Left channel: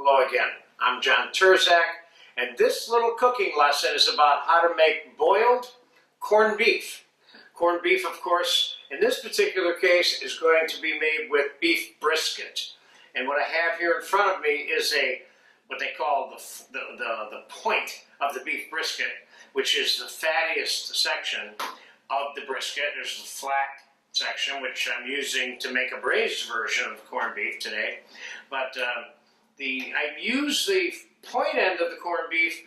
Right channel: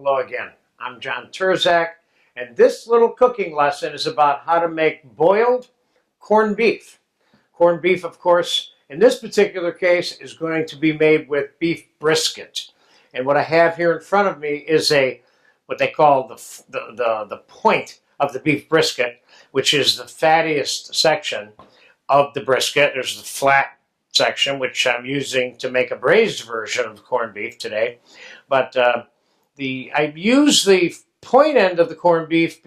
Hello again. I'm John Terzak, and this little cooking lesson is about how to make boiled corned beef. Corned beef, of course, in this particular case, is going to be made with beef brisket. And what I have here in front of me is what they call the point of the beef brisket, which is the fattiest section of the brisket. There's the flat section, which I'm using to make a braised version of the corned beef today. But I use the point end of the corned beef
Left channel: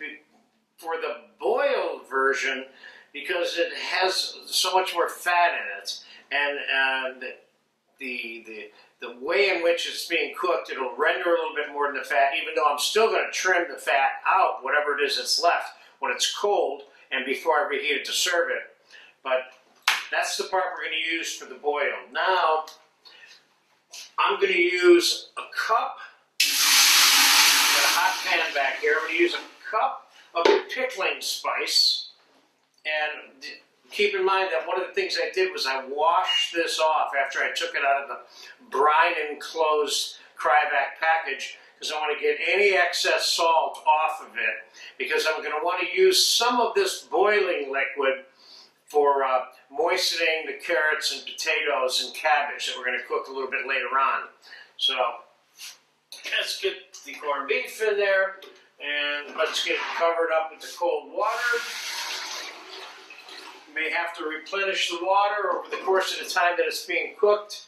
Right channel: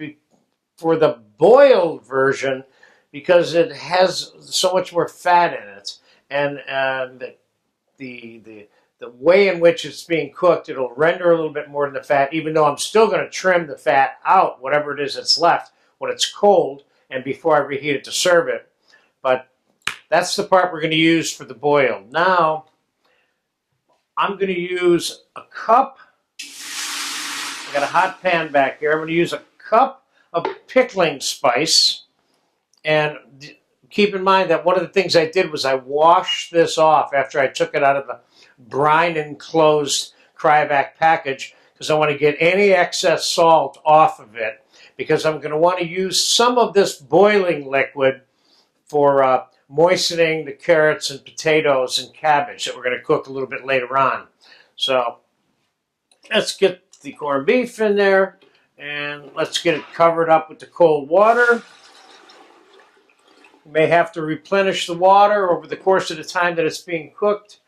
for the boiled version because it has so much more fat in it, and the way in which it's being cooked, it'll render a little bit more than the fat, even though I'm still going to trim the fat out, whatever it is that's left, when it's cold and before I reheat it to serve it. But that's the part we're going to use for the boiled. Now, I'm going to use a cup. I've got a hot pan back here. I'm going to use a cup of pickling spice. And keep in mind that one of the things I did was I washed this off after I took it out of the brine enclosed cryovac package, because I want to get any excess salt off of it, because I'm going to want to use some of this boiling liquid for moistening the carrots and potatoes and cabbage that we're going to cook a little bit later on. So let's get the corned beef in there, and let's get it covered up with the cold water. You may have to replenish the water over the course of the time that it's being cooked,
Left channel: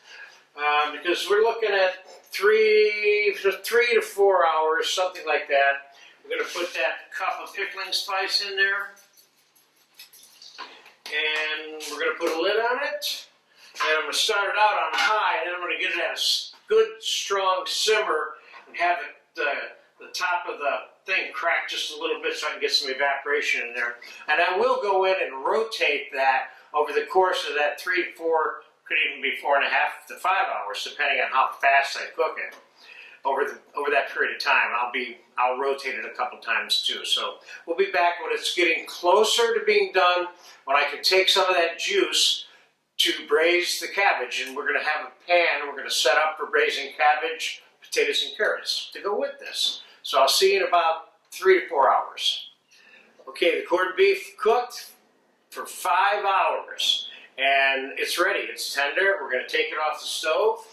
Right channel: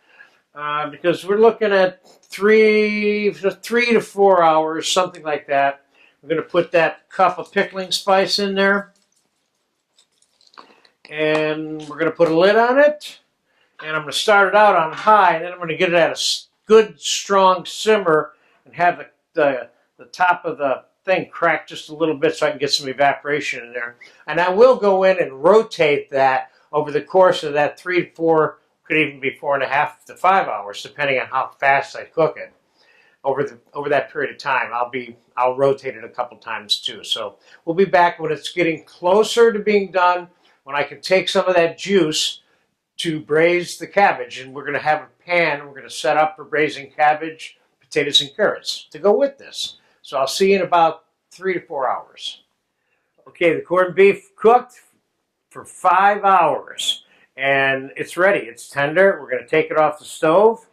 because we're looking at 3 to 4 hours, something like that. We're going to put that cup of pickling spice in there, and we're going to put a lid on it, and I'm going to start it out on high, and then I'm going to get it at a good strong simmer and have the top of the thing crack just a little bit so I can get some evaporation in there. And I will go in and rotate that over the course of that 3 to 4, could even be 4.5 to 5 hours, depending on how fast I cook it. Over that period of time, I'll rotate it a couple times too. So we'll be back when it's getting closer to being done, when I can take some of that juice to braise the cabbage. And we're going to have a pan we're going to set up for braising cabbage, potatoes, and carrots to go with this. So I'll see you in about 3 to 4 hours. Okay, the corned beef cooked for 5 hours, and it's ready. It's tender. We're going to take it off the stove.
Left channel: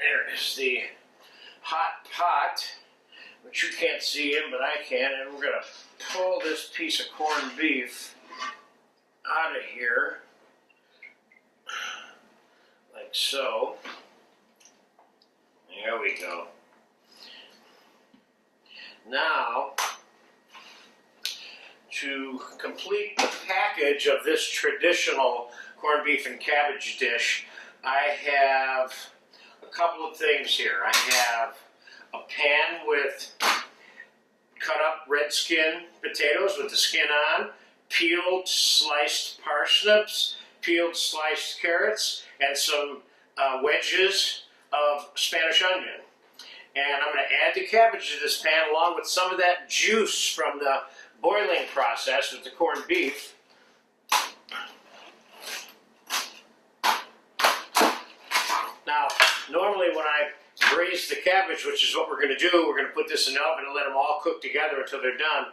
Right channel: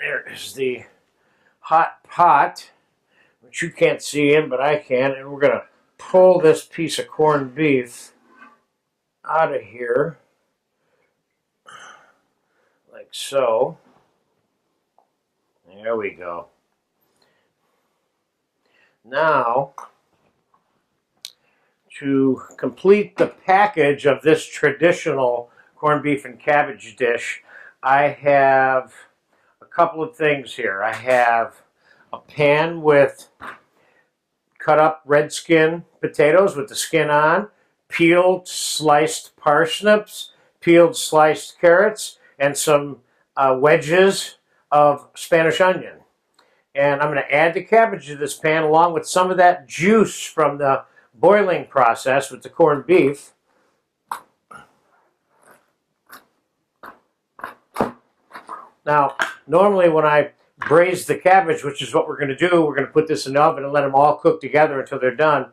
There is the hot pot, which you can't see in, but I can. And we're going to pull this piece of corned beef out of here, like so. There we go. Now, to complete the package of this traditional corned beef and cabbage dish, I have a couple of things here. I have a pan with cut up red skin potatoes with the skin on, peeled sliced parsnips, peeled sliced carrots, and some wedges of Spanish onion. And I'm going to add the cabbage to this pan along with some of that juice from the boiling process with the corned beef. Now, normally when I braise the cabbage, which is what we're going to do, we're going to put this in the oven and let them all cook together until they're done.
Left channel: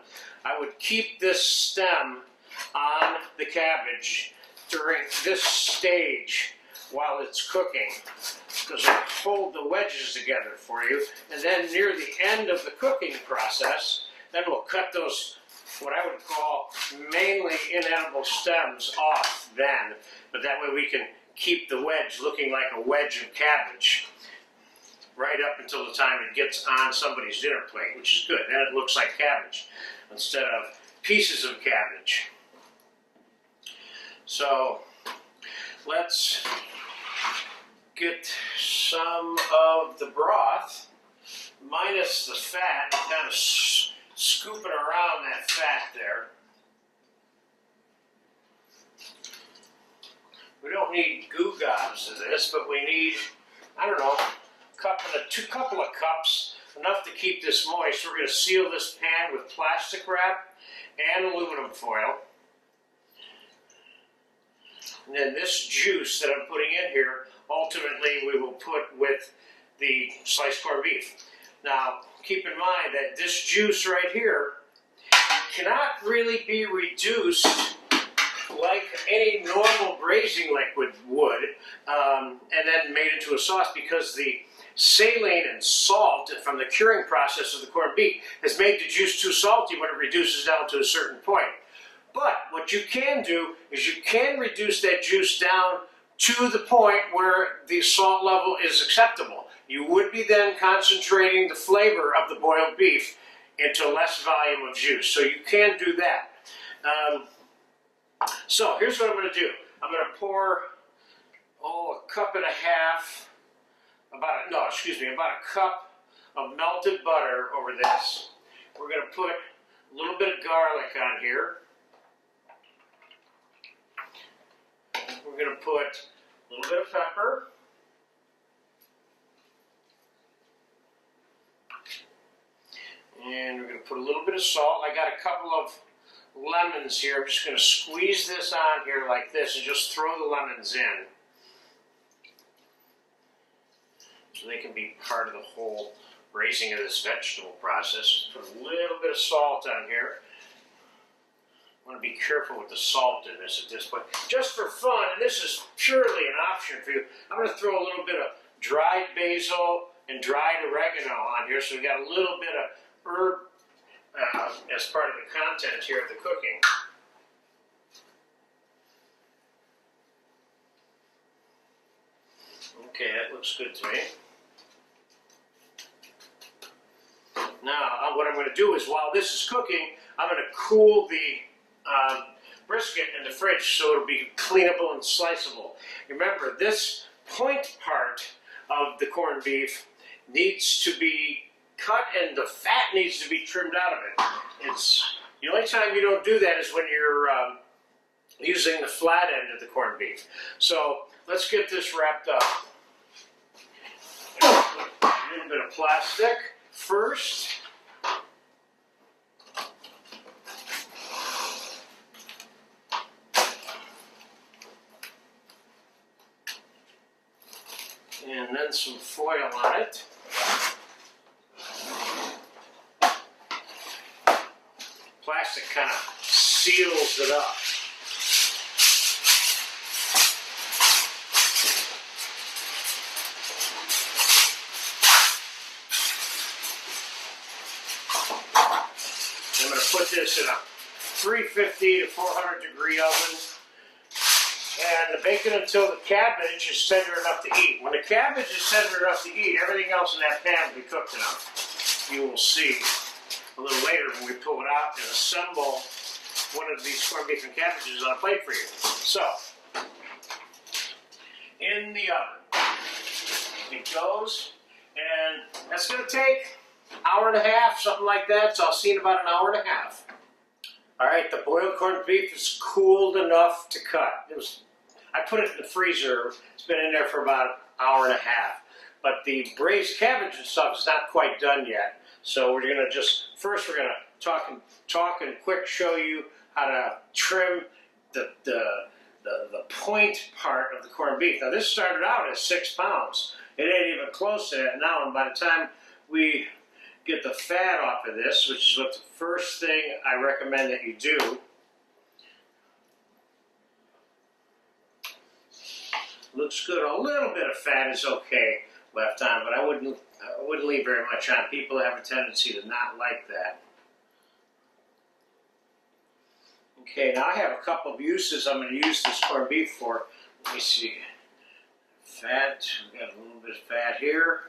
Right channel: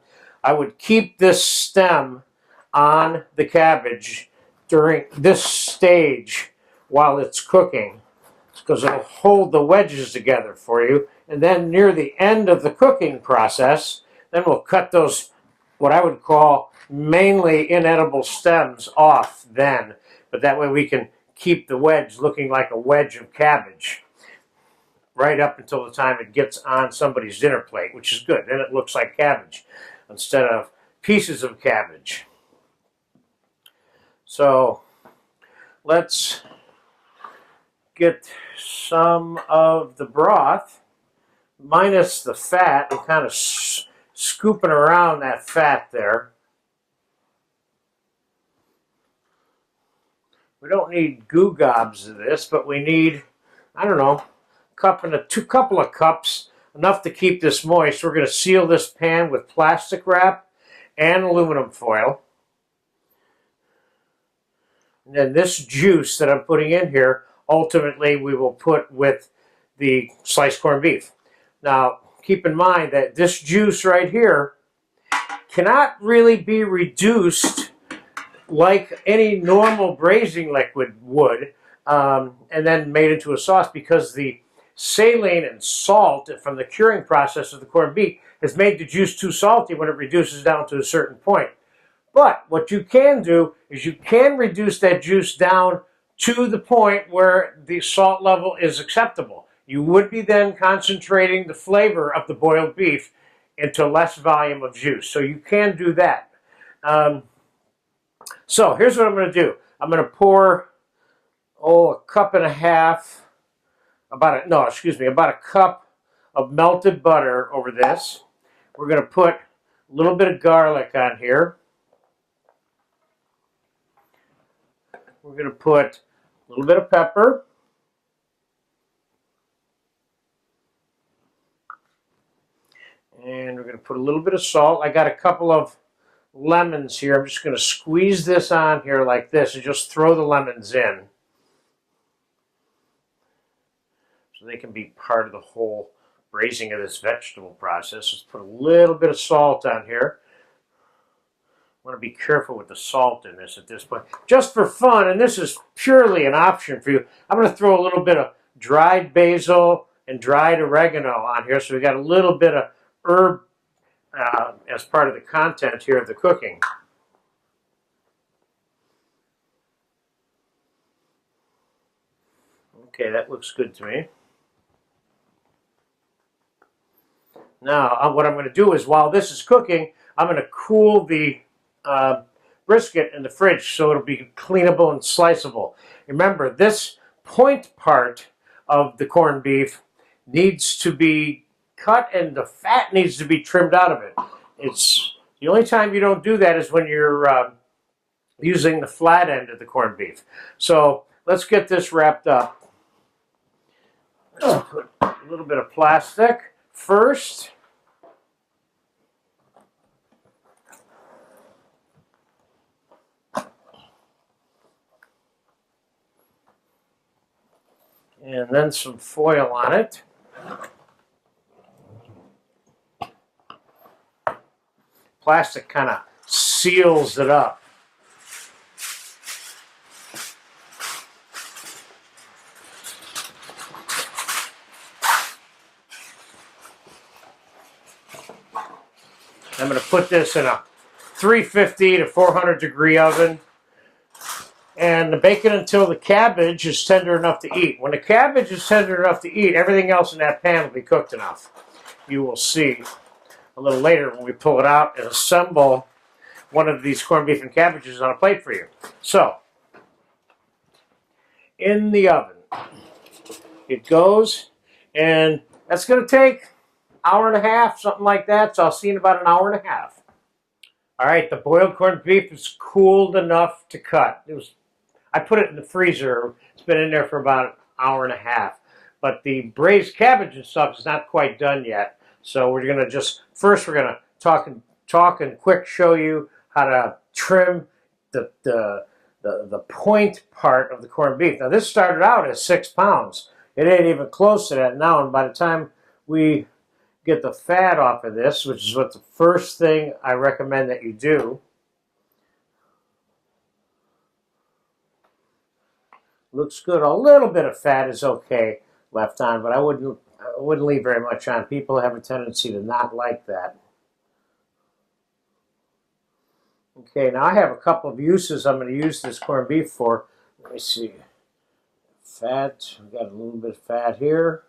I would keep this stem on the cabbage during this stage while it's cooking, because it'll hold the wedges together for you. And then near the end of the cooking process, then we'll cut those, what I would call mainly inedible stems, off then. But that way we can keep the wedge looking like a wedge of cabbage right up until the time it gets on somebody's dinner plate, which is good. Then it looks like cabbage instead of pieces of cabbage. So let's get some of the broth, minus the fat. We're kind of scooping around that fat there. We don't need goo gobs of this, but we need, I don't know, couple of cups, enough to keep this moist. We're going to seal this pan with plastic wrap and aluminum foil. And then this juice that I'm putting in here, ultimately we will put with the sliced corned beef. Now, keep in mind that this juice right here cannot really be reduced like any normal braising liquid would, and then made into a sauce, because the saline and salt from the curing process of the corned beef has made the juice too salty when it reduces down to a certain point. But what you can do is you can reduce that juice down to the point where the salt level is acceptable. You would be then concentrating the flavor of the boiled beef into less volume of juice. So you can do that. So here's what I'm going to do. I'm going to pour, a cup and a half, about a cup of melted butter over this. We're going to put a little bit of garlic on here. We're going to put a little bit of pepper. And we're going to put a little bit of salt. I got a couple of lemons here. I'm just going to squeeze this on here like this and just throw the lemons in, so they can be part of the whole raising of this vegetable process. Just put a little bit of salt on here. I want to be careful with the salt in this at this point. Just for fun, and this is purely an option for you, I'm going to throw a little bit of dried basil and dried oregano on here, so we got a little bit of herb as part of the content here of the cooking. Okay, that looks good to me. Now, what I'm going to do is, while this is cooking, I'm going to cool the brisket in the fridge so it'll be cleanable and sliceable. Remember, this point part of the corned beef needs to be cut, and the fat needs to be trimmed out of it. It's the only time you don't do that is when you're using the flat end of the corned beef. So let's get this wrapped up. Put a little bit of plastic first. And then some foil on it. Plastic kind of seals it up. I'm going to put this in a 350 to 400 degree oven and bake it until the cabbage is tender enough to eat. When the cabbage is tender enough to eat, everything else in that pan will be cooked enough. You will see a little later when we pull it out and assemble one of these corned beef and cabbages on a plate for you. So, in the oven it goes, and that's going to take an hour and a half, something like that. So I'll see in about an hour and a half. All right, the boiled corned beef is cooled enough to cut. I put it in the freezer. It's been in there for about an hour and a half. But the braised cabbage and stuff is not quite done yet. So we're going to first we're going to talk and quick show you how to trim the point part of the corned beef. Now this started out as 6 pounds. It ain't even close to that now, and by the time we get the fat off of this, which is what the first thing I recommend that you do, looks good. A little bit of fat is okay left on, but I wouldn't leave very much on. People have a tendency to not like that. Okay, now I have a couple of uses I'm going to use this corned beef for. Let me see. Fat, we've got a little bit of fat here.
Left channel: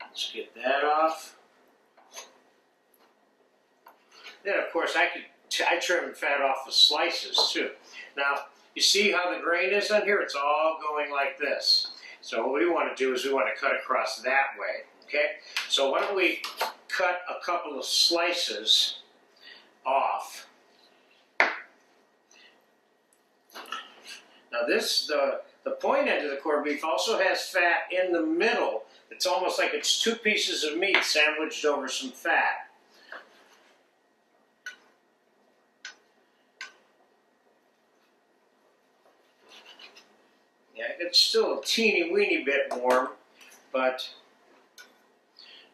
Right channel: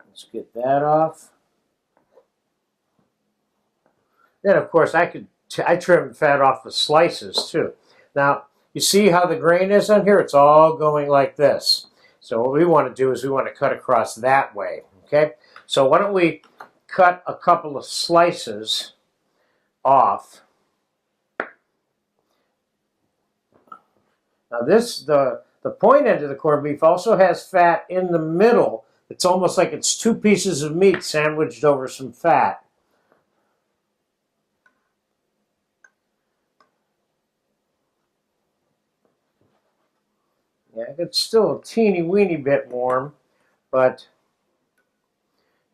Let's get that off. Then, of course, I trim fat off the slices too. Now, you see how the grain is on here? It's all going like this. So what we want to do is we want to cut across that way, okay? So why don't we cut a couple of slices off. Now the point end of the corned beef also has fat in the middle. It's almost like it's 2 pieces of meat sandwiched over some fat. Yeah, it's still a teeny weeny bit warm, but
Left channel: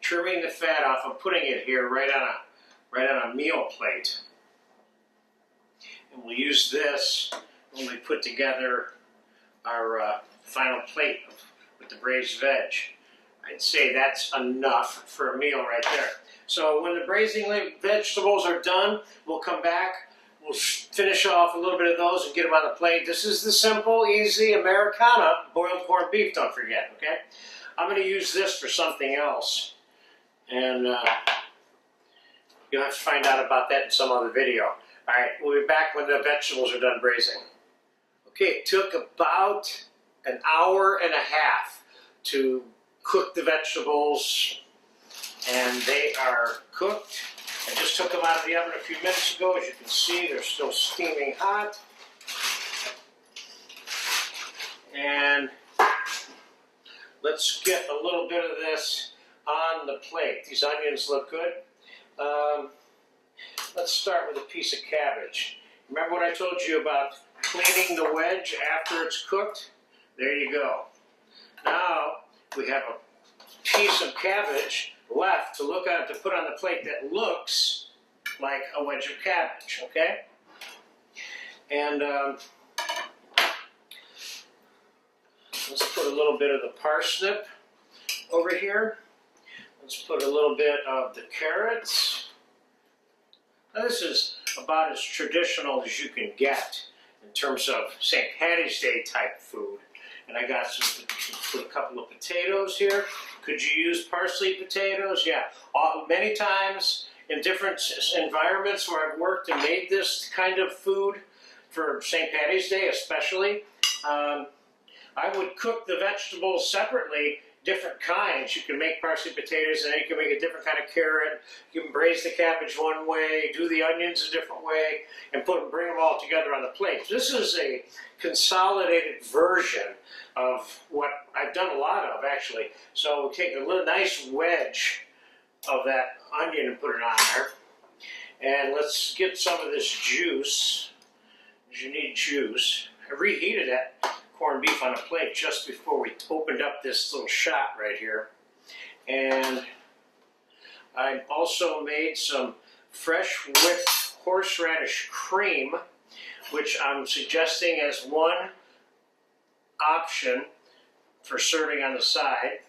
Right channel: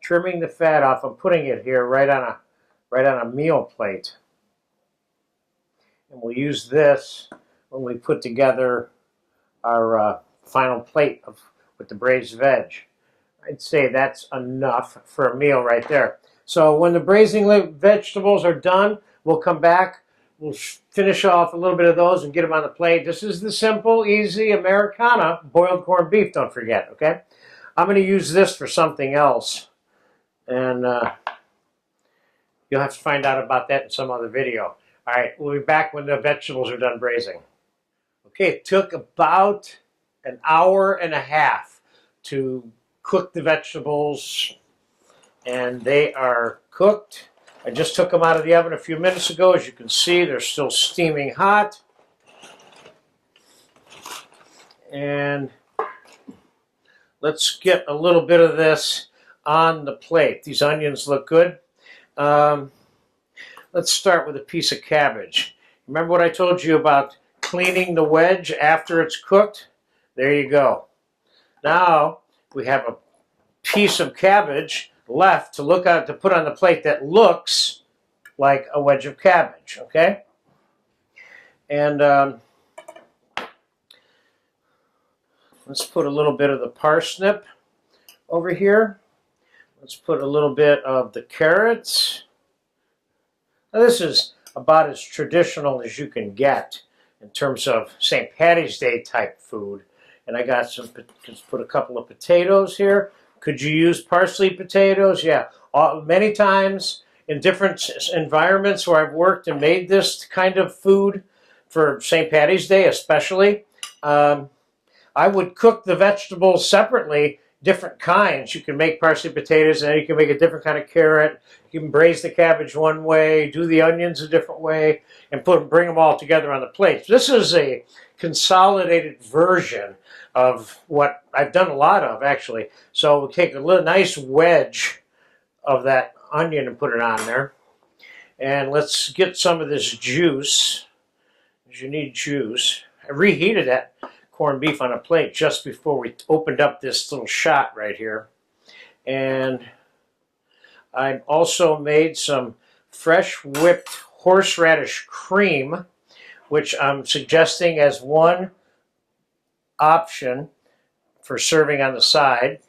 trimming the fat off. I'm putting it here right on a meal plate. And we'll use this when we put together our final plate with the braised veg. I'd say that's enough for a meal right there. So when the braising vegetables are done, we'll come back. We'll finish off a little bit of those and get them on the plate. This is the simple, easy Americana boiled corned beef, don't forget, okay? I'm going to use this for something else. And you'll have to find out about that in some other video. All right, we'll be back when the vegetables are done braising. Okay, it took about an hour and a half to cook the vegetables, and they are cooked. I just took them out of the oven a few minutes ago. As you can see, they're still steaming hot. And let's get a little bit of this on the plate. These onions look good. Let's start with a piece of cabbage. Remember what I told you about cleaning the wedge after it's cooked? There you go. Now we have a piece of cabbage left to put on the plate that looks like a wedge of cabbage, okay? And let's put a little bit of the parsnip over here. Let's put a little bit of the carrots. Now this is about as traditional as you can get in terms of St. Patty's Day type food. And I got put a couple of potatoes here. Could you use parsley potatoes? Yeah. Many times in different environments where I've worked and made this kind of food for St. Patty's Day especially, I would cook the vegetables separately, different kinds. You can make parsley potatoes and then you can make a different kind of carrot. You can braise the cabbage one way, do the onions a different way, and bring them all together on the plate. This is a consolidated version of what I've done a lot of, actually. So we'll take a nice wedge of that onion and put it on there. And let's get some of this juice. You need juice. I reheated that corned beef on a plate just before we opened up this little shot right here. And I also made some fresh whipped horseradish cream, which I'm suggesting as one option for serving on the side,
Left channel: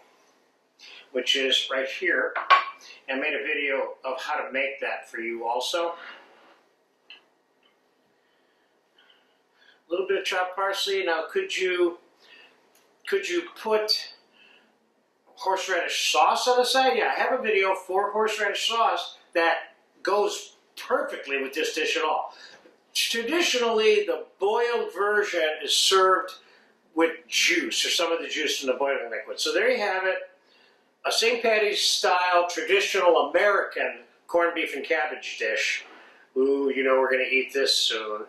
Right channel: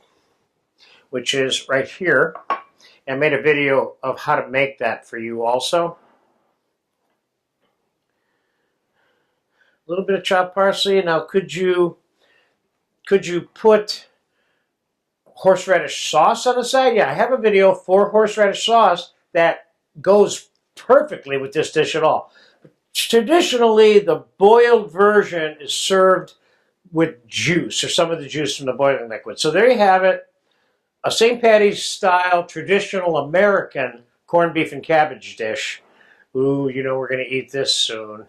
which is right here. I made a video of how to make that for you also. A little bit of chopped parsley. Now, could you put horseradish sauce on the side? Yeah, I have a video for horseradish sauce that goes perfectly with this dish at all. Traditionally, the boiled version is served with juice, or some of the juice from the boiling liquid. So there you have it, a St. Patty's style traditional American corned beef and cabbage dish. Ooh, you know we're going to eat this soon.